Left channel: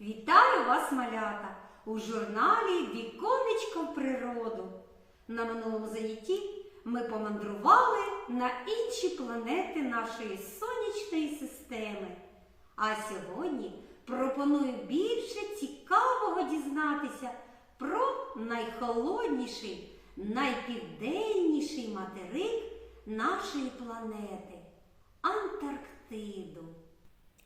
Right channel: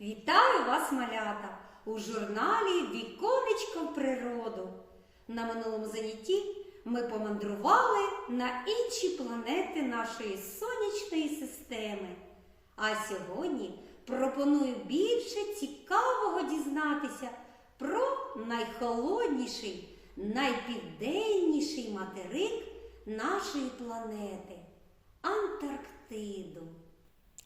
Вітаю вас, малята, у журналі Віконечко в природу. На минулому занятті ми помандрували на інші планети нашої сонячної системи. А сьогодні пропоную більше цікавого дізнатися про найхолодніший, найпівденніший материк нашої планети Антарктиду.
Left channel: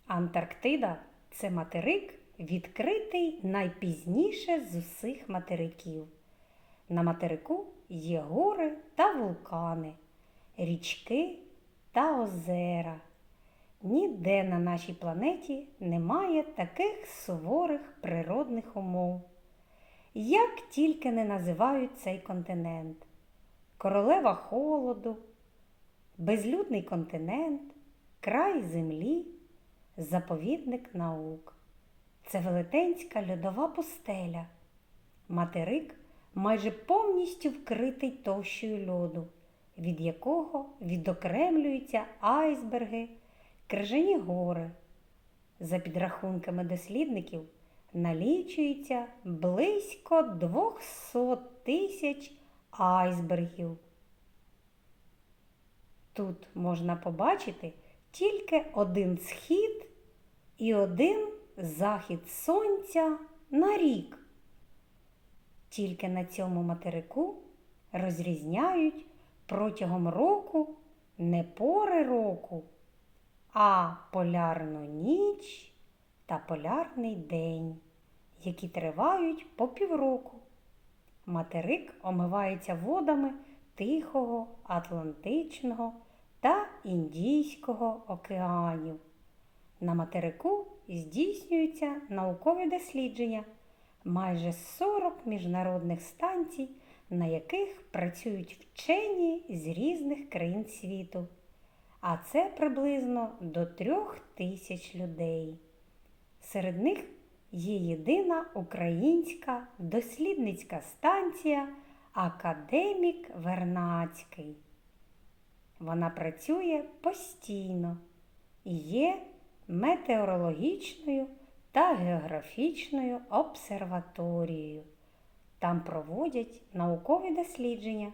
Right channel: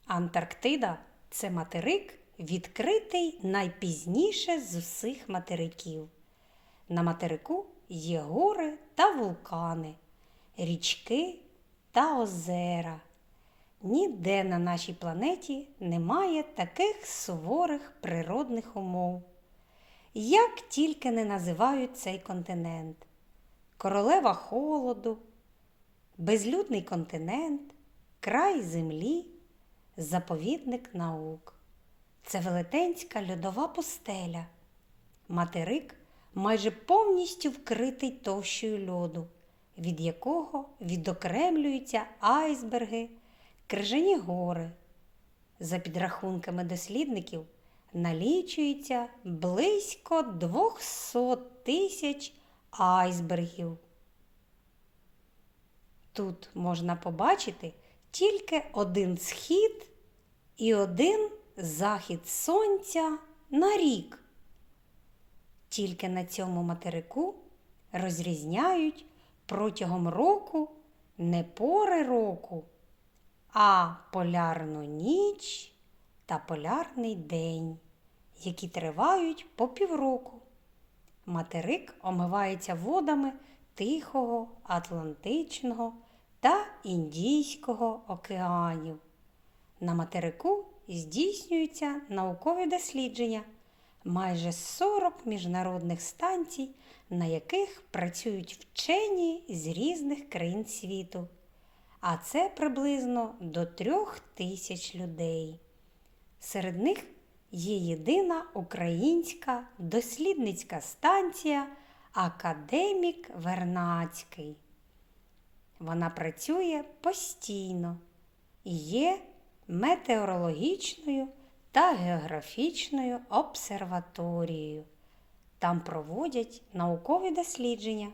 Антарктида це материк, відкритий найпізніше з усіх материків. На материку є гори та вулкани, річки та озера. Ніде на нашій планеті немає таких суворих природних умов. Як тільки не називають цей континент: королева холоду, безлюдний континент, край землі, заповідник наук. Це велетенська льодова пустеля. Материк майже повністю вкритий товщою льоду, від якого відокремлюються айсберги, крижані гори. За підрахунками дослідників, налічується близько 200 тисяч айсбергів. Тут можна побачити тільки один схід і один захід сонця на рік. Тільки на цьому материку розрізняють протягом року не пори року, а полярну ніч та полярний день, які тривають по півроку. Материк омивається водами Тихого, Атлантичного та Індійського океанів. На материку здійснюються наукові дослідження, майже 40 міжнародних станцій, на яких працюють вчені з різних країн світу. А це приблизно до трьох тисяч людей. Серед них є єдина українська дослідницька станція Академік Вернацький. Вона працює постійно і є метеорологічною та географічною обсерваторією. Там проводять наукові дослідження.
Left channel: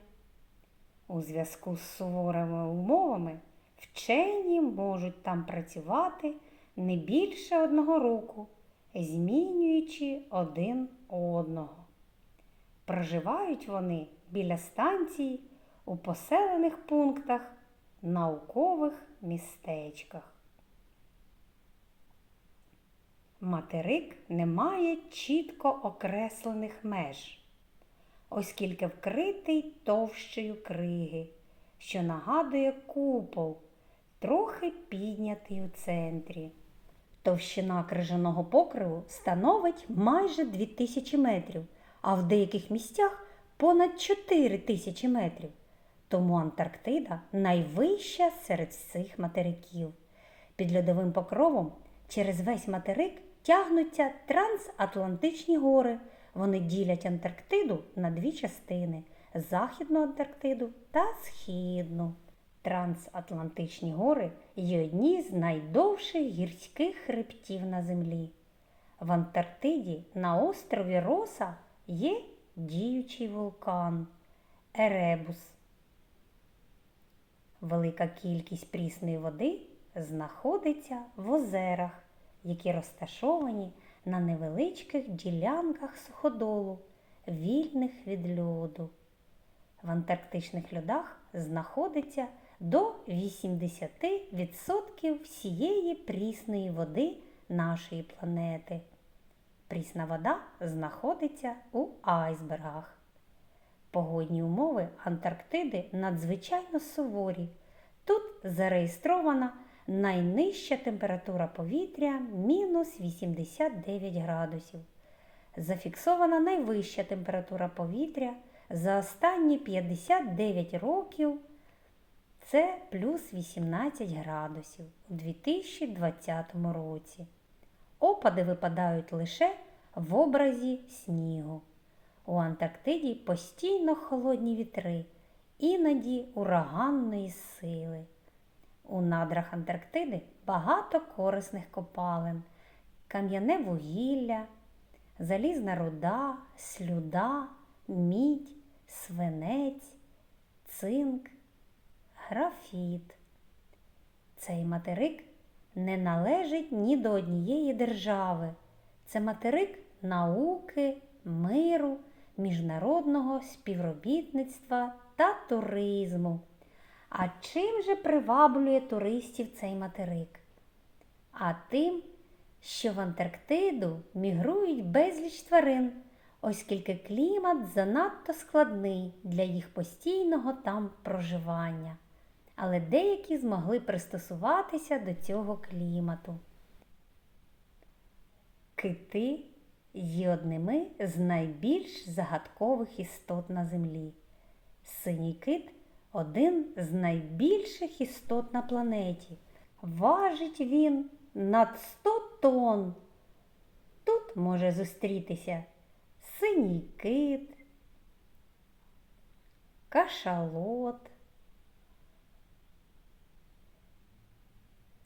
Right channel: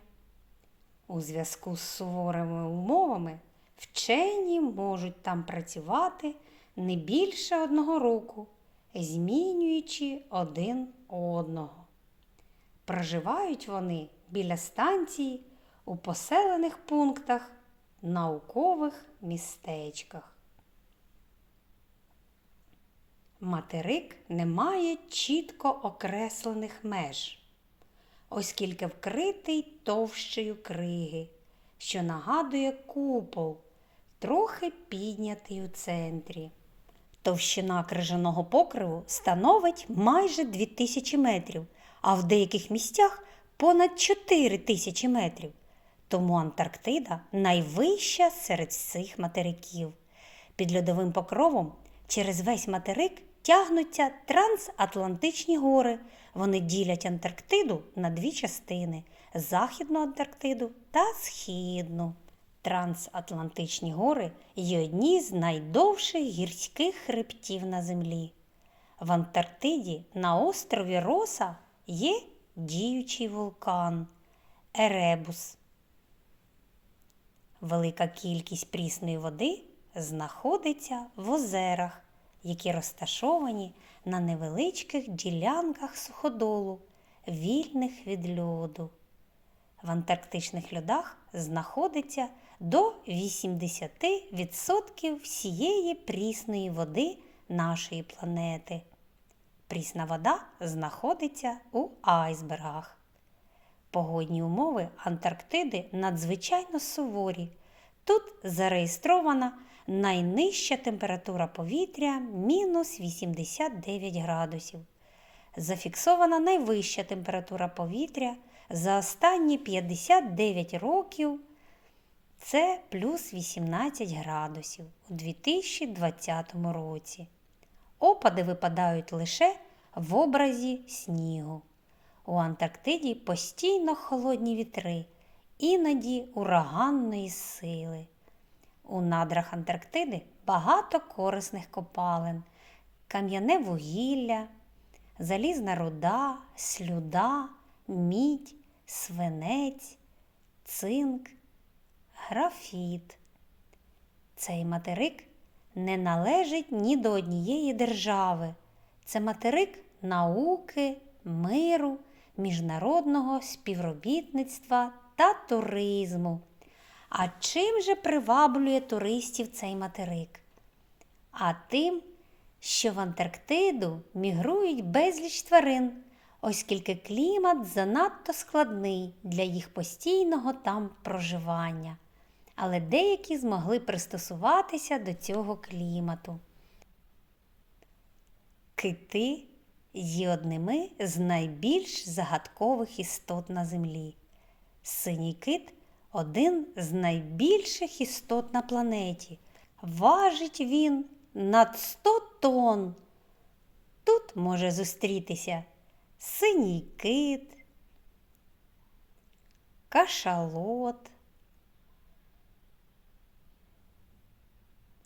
У зв'язку з суворими умовами вчені можуть там працювати не більше одного року, змінюючи один одного. Проживають вони біля станції у поселених пунктах, наукових містечках. Материк не має чітко окреслених меж, оскільки вкритий товщею криги, що нагадує купол, трохи піднятий у центрі. Товщина крижаного покриву становить майже 2000 метрів, а в деяких місцях понад 4 тисячі метрів. Тому Антарктида найвища серед всіх материків. Під льодовим покровом через весь материк тягнуться трансатлантичні гори. Вони ділять Антарктиду на дві частини Західну Антарктиду та Східну. Трансатлантичні гори є одні з найдовших гірських хребтів на землі. В Антарктиді на острові Роса є діючий вулкан Еребус. Велика кількість прісної води знаходиться в озерах, які розташовані на невеличких ділянках суходолу, вільних від льоду. В антарктичних льодах знаходиться до 80% всієї прісної води нашої планети. Прісна вода знаходиться у айсбергах. Погодні умови Антарктиди надзвичайно суворі. Тут зареєстрована найнижча температура повітря мінус 89 градусів. Зафіксована найвища температура повітря за останні 59 років це плюс 18 градусів у 2020 році. Опади випадають лише в образі снігу. У Антарктиді постійно холодні вітри, іноді ураганної сили. У надрах Антарктиди багато корисних копалин, кам'яне вугілля, залізна руда, слюда, мідь, свинець, цинк, графіт. Цей материк не належить ні до однієї держави. Це материк науки, миру, міжнародного співробітництва та туризму. А чим же приваблює туристів цей материк? А тим, що в Антарктиду мігрують безліч тварин, оскільки клімат занадто складний для їх постійного там проживання. Але деякі змогли пристосуватися до цього клімату. Кити є одними з найбільш загадкових істот на землі. Синій кит один з найбільших істот на планеті. Важить він над 100 тонн. Тут може зустрітися синій кит, кашалот,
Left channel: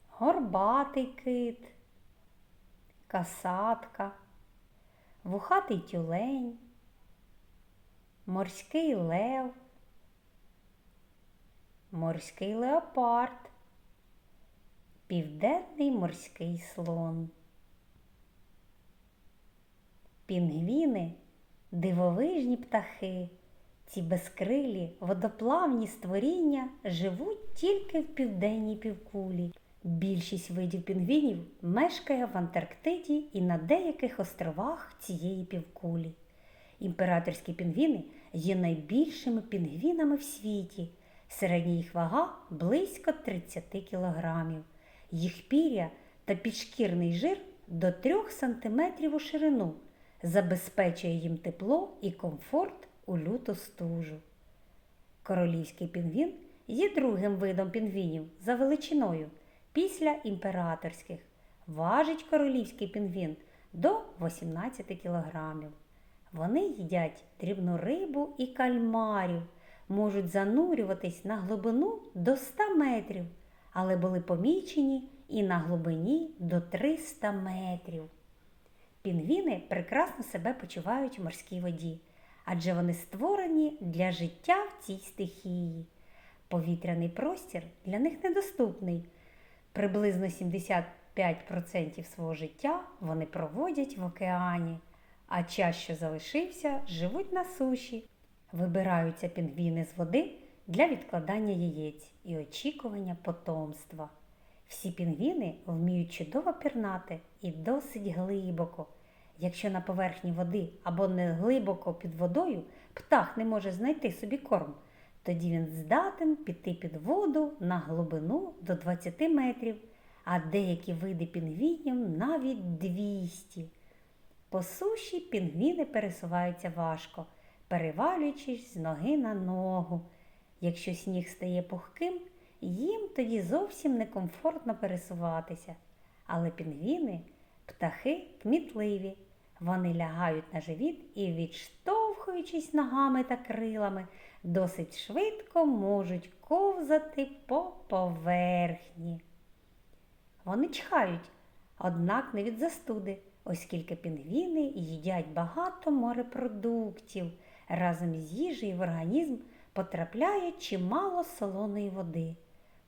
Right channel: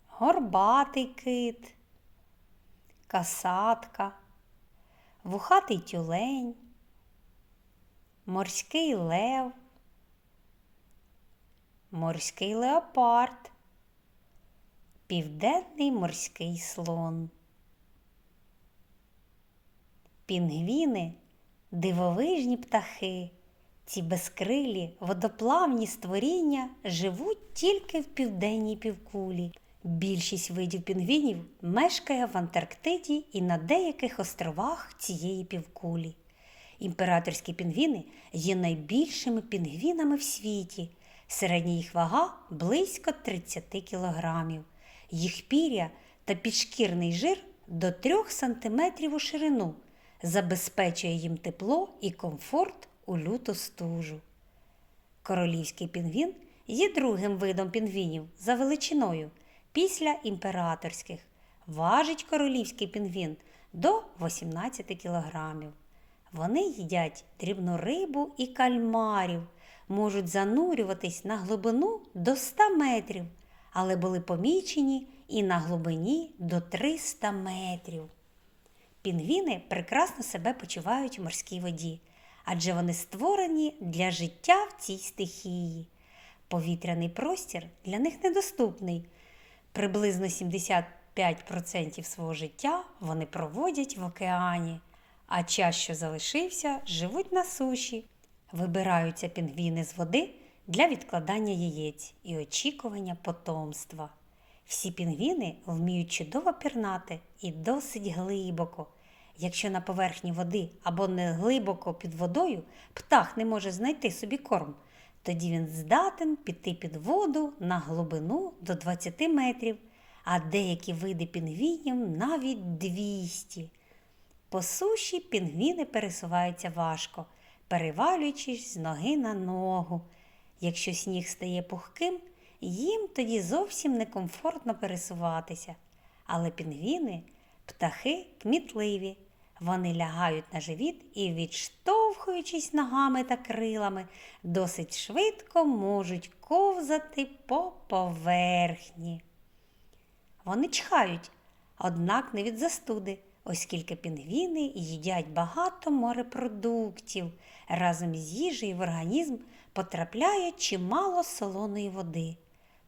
горбатий кит, касатка, вухатий тюлень, морський лев, морський леопард, південний морський слон. Пінгвіни дивовижні птахи. Ці безкрилі водоплавні створіння живуть тільки в південній півкулі. Більшість видів пінгвінів мешкає в Антарктиді і на деяких островах цієї півкулі. Імператорські пінгвіни є найбільшими пінгвінами в світі. Середня їх вага близько 30 кілограмів. Їх пір'я та підшкірний жир до 3 см у ширину забезпечує їм тепло і комфорт у люту стужу. Королівський пінгвін є другим видом пінгвінів за величиною після імператорських. Важить королівський пінгвін до 18 кілограмів. Вони їдять дрібну рибу і кальмарів, можуть занурюватись на глибину до 100 метрів, але були помічені і на глибині до 300 метрів. Пінгвіни прекрасно себе почувають у морській воді, адже вони створені для життя в цій стихії. Повітряний простір для них недоступний. Приблизно 75% свого життя вони проводять в океані, а час, що залишився, живуть на суші. Вибираються пінгвіни з води для відкладання яєць і очікування потомства. Всі пінгвіни вміють чудово пірнати і досить глибоко. Якщо на поверхні води або не глибоко під водою птах не може знайти собі корм, тоді він здатен піти під воду на глибину до 20 метрів, а деякі види пінгвінів навіть 200. По суші пінгвіни пересуваються важко, перевалюючись з ноги на ногу. Якщо сніг стає пухким, їм тоді зовсім некомфортно пересуватися. Але пінгвіни птахи кмітливі. Вони лягають на живіт і, відштовхуючись ногами та крилами, досить швидко можуть ковзати по поверхні. Вони чхають, однак не від застуди, оскільки пінгвіни їдять багато морепродуктів. Разом з їжею в організм потрапляє чимало солоної води.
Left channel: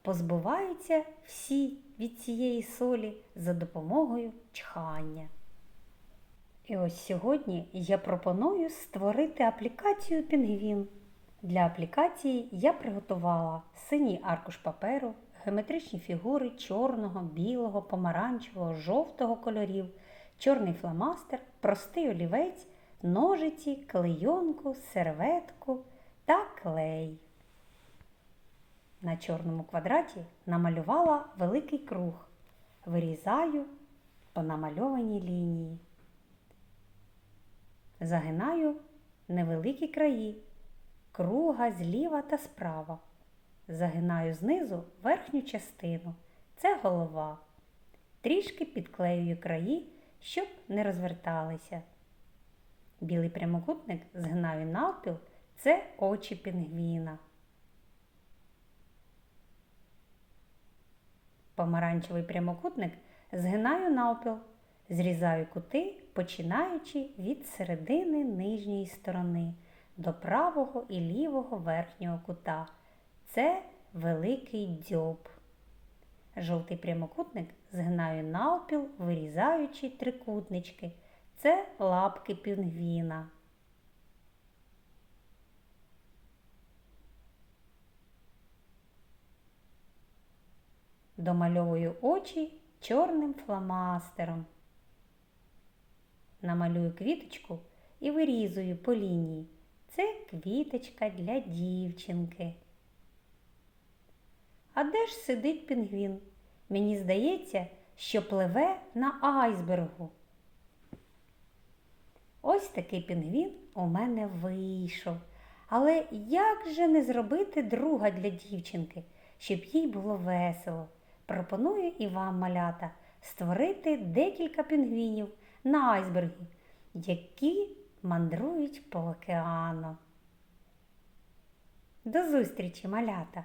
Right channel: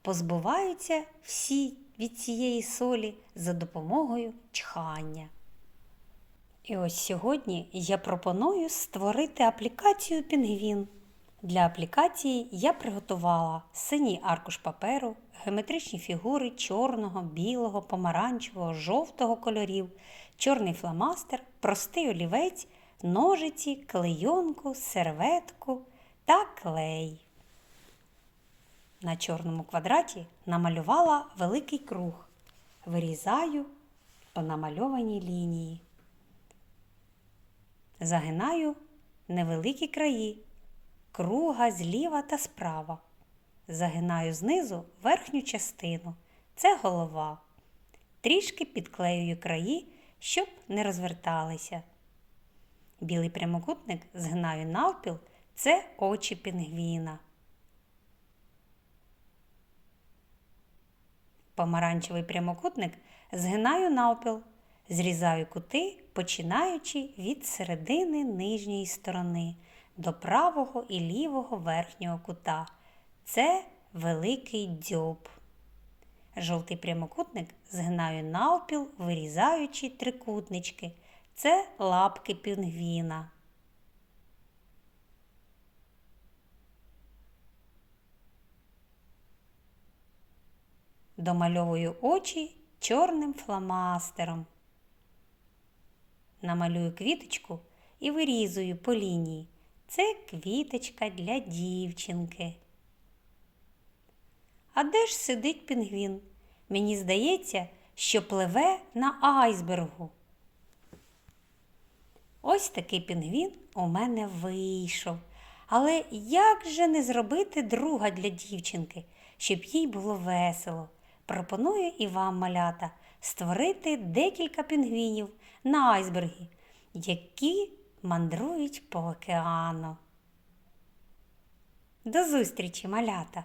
Позбуваються всі від цієї солі за допомогою чхання. І ось сьогодні я пропоную створити аплікацію Пінгвін. Для аплікації я приготувала синій аркуш паперу, геометричні фігури чорного, білого, помаранчевого, жовтого кольорів, чорний фломастер, простий олівець, ножиці, клейонку, серветку та клей. На чорному квадраті намалювала великий круг. Вирізаю по намальованій лінії. Загинаю невеликі краї, круга зліва та справа. Загинаю знизу верхню частину. Це голова. Трішки підклеюю краї, щоб не розверталися. Білий прямокутник згинаю навпіл це очі пінгвіна. Помаранчевий прямокутник згинаю навпіл. Зрізаю кути, починаючи від середини нижньої сторони до правого і лівого верхнього кута. Це великий дзьоб. Жовтий прямокутник згинаю навпіл, вирізаючи трикутнички. Це лапки пінгвіна. Домальовую очі чорним фломастером. Намалюю квіточку і вирізую по лінії. Це квіточка для дівчинки. А де ж сидить пінгвін? Мені здається, що пливе на айсбергу. Ось такий пінгвін у мене вийшов. Але як же не зробити друга для дівчинки, щоб їй було весело? Пропоную і вам, малята, створити декілька пінгвінів на айсбергі, які мандрують по океану. До зустрічі, малята!